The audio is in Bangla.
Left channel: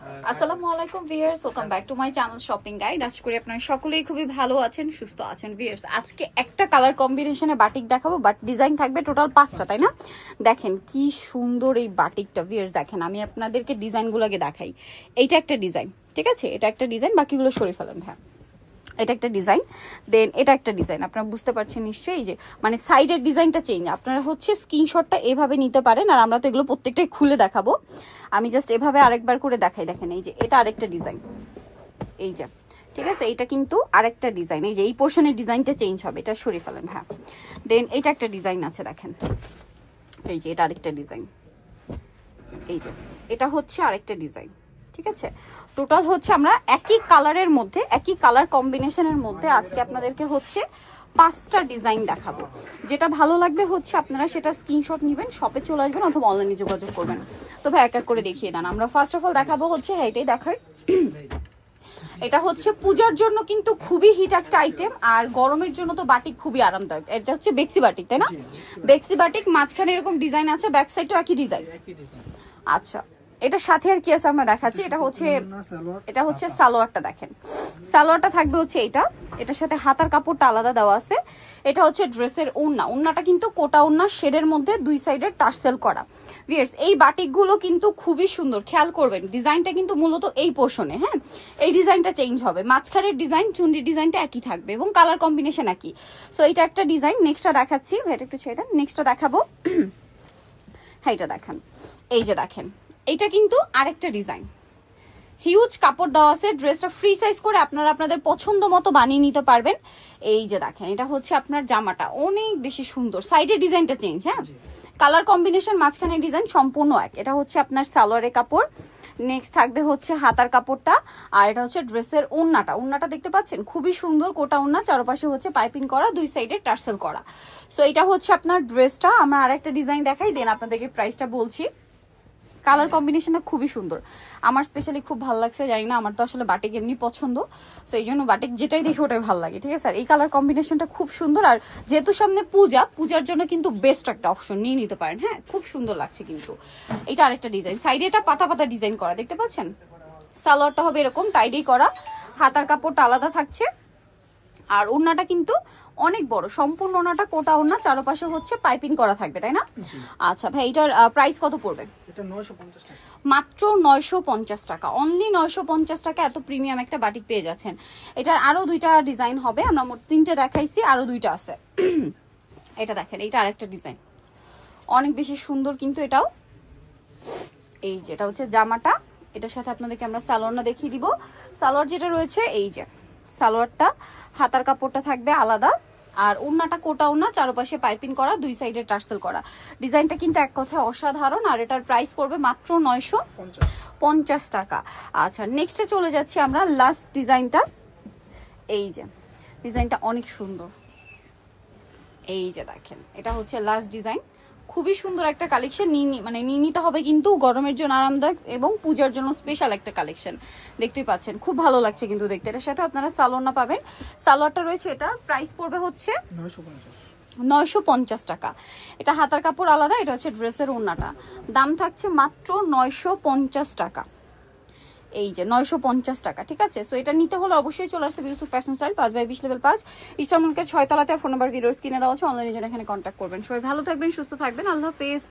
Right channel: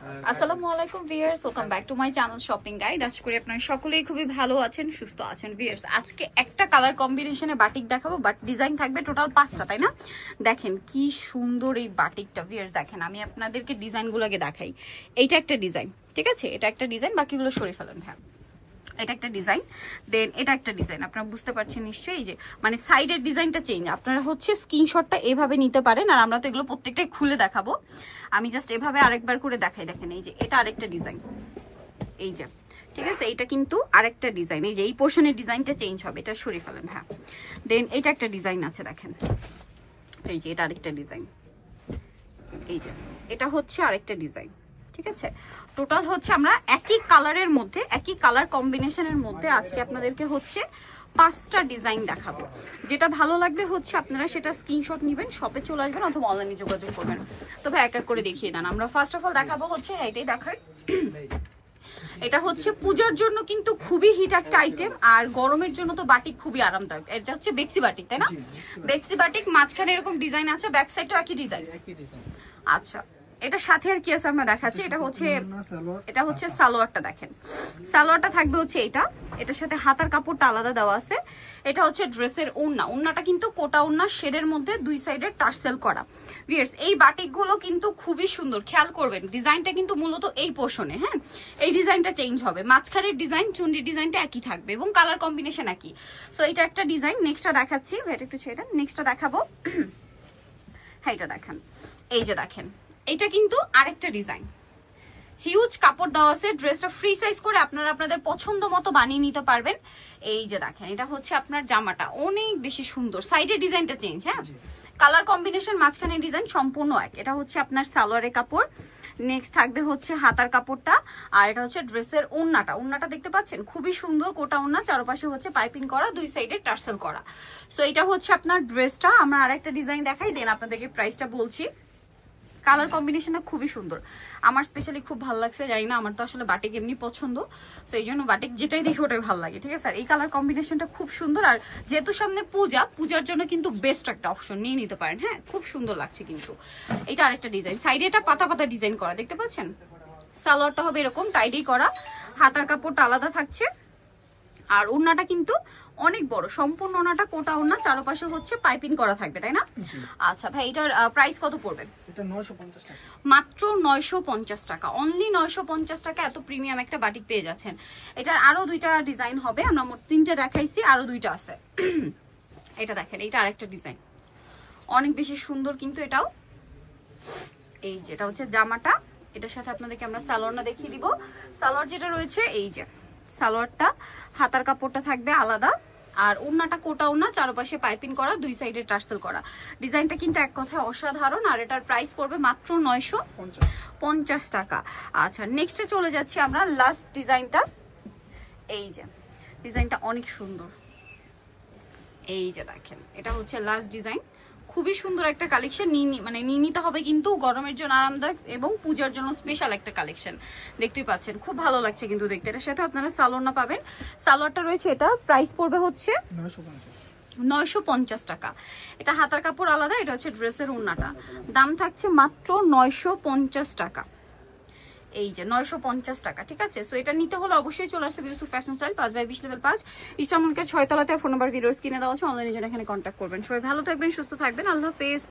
আসসালামু আলাইকুম viewers, welcome back to my channel shopping guide. আশা করি আপনারা সকলেই খুবই ভালো আছেন, সুস্থ আছেন। ভিউয়ার্স, আজকে একটা কালার কম্বিনেশনে বাটিক দেখাবো, বাট ডিজাইন থাকবে টোটাল 5টা, তাই না? দেখেন কি সুন্দর এই বাটিকটা। ভিউয়ার্স দেখেন, আমি আপনাদেরকে ডিজাইনগুলোকে দেখাই। এইটা একটা ডিজাইন, ঠিক আছে? এটা একটা ডিজাইন, বাকিগুলো সরিয়ে ফেলেন। হ্যাঁ, এটা একটা ডিজাইন, দেন এটা একটা ডিজাইন। আপনারা বুঝতে পারছেন নিশ্চয়ই, এই যে মানে সাইডের ডিজাইনটা চেঞ্জ। আপনারা হচ্ছে স্ক্রিনশটটা এভাবে নিতে পারেন, আর আমরা তো এগুলো প্রত্যেকটাই খুলে দেখাবো। আমি জাস্ট এভাবে আরেকবার করে দেখাই। দেখেন এই যে এটা আরেকটা ডিজাইন, এই যে, ঠিক আছে? এটা কিন্তু আরেকটা ডিজাইন, এই যে এই পোর্শনের ডিজাইনটা চেঞ্জ হবে, এটা সরিয়ে ফেলেন। হ্যাঁ, দেন এটা একটা ডিজাইন আছে, দেখেন এই যে এটা আরেকটা ডিজাইন, এই যে এটা হচ্ছে আরেকটা ডিজাইন, ঠিক আছে? টোটাল হচ্ছে আমরা একই কালারের মধ্যে, একই কালার কম্বিনেশনের মধ্যে আজকে আপনাদেরকে হচ্ছে 5টা ডিজাইন দেখাবো। যেটা ভালো লাগবে হচ্ছে আপনারা সেটা স্ক্রিনশট নেবেন, শপে চলে আসবেন অথবা অনলাইনে যোগাযোগ করবেন। তবে এক এক করে দেখিয়ে দেন। আমরা ফার্স্ট অফ অল দেখাবো হচ্ছে, এটাই দেখাই। এটা হচ্ছে পূজার জন্য কিন্তু খুবই হিট একটা আইটেম, আর গরমের জন্য তো বাটিক খুবই আরামদায়ক। এটা হচ্ছে বেক্সি বাটিক, তাই না? বেক্সি বাটিক, মাঝখানে এরকম ডিজাইন আছে, ব্যাক সাইডও একই ডিজাইন। আচ্ছা, এটার সাথে আর কি আছে আমরা দেখাচ্ছি। এটা হচ্ছে সালোয়ারটা। দেখেন সালোয়ারটা থাকবে হচ্ছে এইটা, এটার সাথে হাতার কাপড়টা আলাদা দেওয়া আছে। এটা হচ্ছে ড্রেসের ওড়না, ওড়নাটা কিন্তু কোটা ওড়না, শেডের মধ্যে দুই সাইডে টার্সেল করা। ভিউয়ার্স, এই বাটিকগুলো কিন্তু খুবই সুন্দর, খেয়াল করবেন ডিজাইনটা কিন্তু মূলত এই পোর্শনে। হ্যাঁ, এই ডিজাইনটা চেঞ্জ হবে, মাঝখানের ডিজাইন চুনরি ডিজাইনটা একই থাকবে এবং কালার কম্বিনেশন একই। সো এটা একটা ডিজাইন। নেক্সটটা দেখাচ্ছি, এটা একটু ছেড়ে দেন। নেক্সটটা দেখাবো। হ্যাঁ, এটা দেখেন, এই যে দেখেন, এটা কিন্তু আরেকটা ডিজাইন। হিউজ কাপড় দেওয়া আছে, ড্রেসটা ফ্রি সাইজ করে আপনারা আপনাদের পছন্দ মতো বানিয়ে নিতে পারবেন। এই যে দেখেন, এটা হচ্ছে আপনার জামাটা, অনেক বেশি সুন্দর। সাইডের ডিজাইনটা চেঞ্জ, হ্যাঁ, কালার কম্বিনেশন, মাঝখানে ডিজাইন সম্পূর্ণ এক। এটা হচ্ছে আপনার সালোয়ারের কাপড়। নেক্সট থাকবে হচ্ছে হাতার কাপড়টা, আর এটা হচ্ছে ড্রেসের ওড়নাটা। ওড়নাটা দেখতে পাচ্ছেন খুবই সুন্দর, কোটা ওড়না, চারপাশে হচ্ছে পাইপিং করা, দুই সাইডে টার্সেল করা। সো এটা হচ্ছে আপনার ড্রেসটা। আমরা আরেকটা ডিজাইন দেখাই, দেন আপনাদেরকে প্রাইসটা বলছি। কালার কম্বিনেশনটা খুবই সুন্দর, আমার স্পেশালি খুব ভালো লাগছে। জানি না, আমার তো আসলে বাটিক এমনি পছন্দ, তো এই জন্য বাটিক যেটাই দেখি ওটাই ভালো লাগে, ঠিক আছে? আর এই কালার কম্বিনেশনটা খুব সুন্দর, আর যেহেতু সামনে পূজা, পূজার জন্য কিন্তু বেস্ট একটা অপশন, নিয়ে নিতে পারেন। হ্যাঁ, খুব সুন্দর লাগছে কিন্তু। এটা আরেকটা ডিজাইন, সাইডে এটা পাতা পাতা ডিজাইন করা, দেখতে পাচ্ছেন? সালোয়ারটা হবে এরকম টাইডি করা, হাতার কাপড়টা আলাদা থাকছে, আর ওড়নাটা কিন্তু অনেক বড়, সম্পূর্ণ ওড়নাটা কোটা ওড়না, চারপাশে হচ্ছে পাইপিং করা থাকবে, তাই না? আচ্ছা ভাই, এটার প্রাইস কত পড়বে? এটা 950 টাকা, মাত্র 950 টাকা, অনলি 950 টাকা। এত প্রিমিয়াম একটা বাটিক পেয়ে যাচ্ছেন। এটার আরো দুইটা ডিজাইন হবে, আমরা মোট 3টে দেখাইছি, আরো দুইটা আছে। এটা দেখেন, এটা আরেকটা ডিজাইন, অনেক বেশি সুন্দর কিন্তু এটাও। এই যে এটা হচ্ছে জামাটা, এটার সাথে আপনাদেরকে আমরা সালোয়ারটা দেখিয়ে দিব। সালোয়ার যেটা রয়েছে, এই যে সালোয়ারটা, হাতার কাপড়টা থাকবে আলাদা, আর ওড়নাটা কোটা ওড়না, চারপাশে পাইপিং করা, দুই সাইডে টার্সেল করা। ডিজাইনটা কিন্তু এক কথায় অসাধারণ, আর এটার প্রাইস পড়বে মাত্র 950 টাকা। আচ্ছা, নেক্সটে চলে যাচ্ছি আমরা, লাস্ট ডিজাইনটা। এই যে ডিজাইনটা অনেক সুন্দর, এই যে দেখেন, এটা হচ্ছে লাস্ট ডিজাইন। খুবই সুন্দর একটা কালেকশন, নিয়ে নিতে হবে কিন্তু, গরমের জন্য আরামদায়ক এবং পূজার জন্য স্পেশাল একটা কালেকশন। দেখতেই পাচ্ছেন খুব ভালো লাগছে কিন্তু দেখতে। এটার সাথে আপনারা সালোয়ারটা পাবেন, সালোয়ারটা রয়েছে, এটা প্রাইস পড়বে হচ্ছে 950 টাকা। এটা হাতার কাপড় আলাদা, এটা হচ্ছে ড্রেসের ওড়নাটা, দাম থাকছে মাত্র 950 টাকা। এই যে 950 টাকা, ঠিক আছে? সো এটা নিতে হলে অবশ্যই চলে আসতে Yusuf fashion style, 5/20 level 5, Easter market 6 তলাতে। ফোন নাম্বার ভিডিওর স্ক্রিনে দেওয়া আছে, অনলাইনে জন্য এখানে কন্ট্যাক্ট করবেন। সবাই ভালো থাকবেন, সুস্থ থাকবেন, আল্লাহ হাফেজ।